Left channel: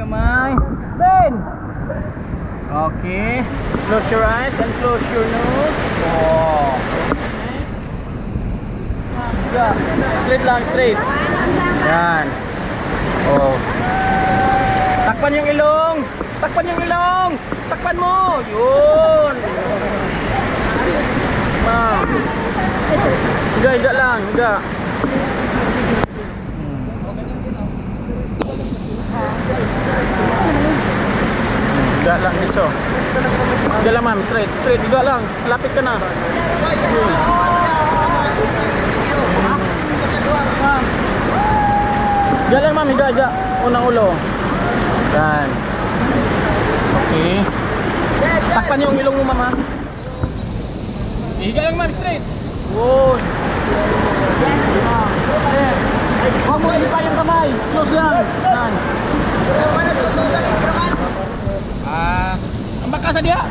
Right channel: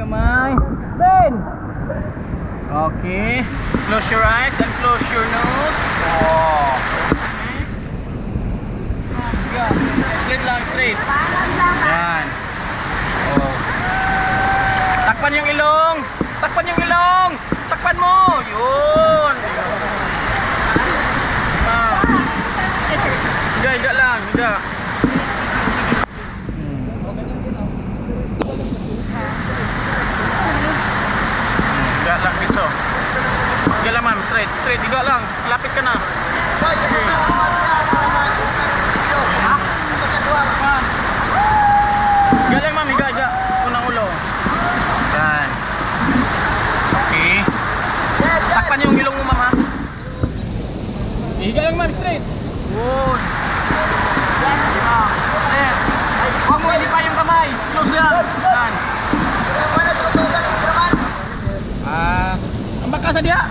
kamay. Ben! Okay. Close your eyes and close your nose. Oh. Yeah. Straight lang, straight. Yan. Oh. Takpan yung ilong. Takpan yung ilong. Takpan mo. Yun. Ma'am. Higa, higa lang. Higa. Higa lang dito. Higa lang ma'am, straight. Straight, higa lang. Malapit ka na. Okay. Ma'am. Higa lang ma'am, higa, higa. Unang ulo. Yan. Okay. Takpan yung ilong mo ma'am ha. Higa lang ma'am, straight. Good. There. Huwag mo ilipa yung kamay. Close lang. Yan. Ang baka sa diha.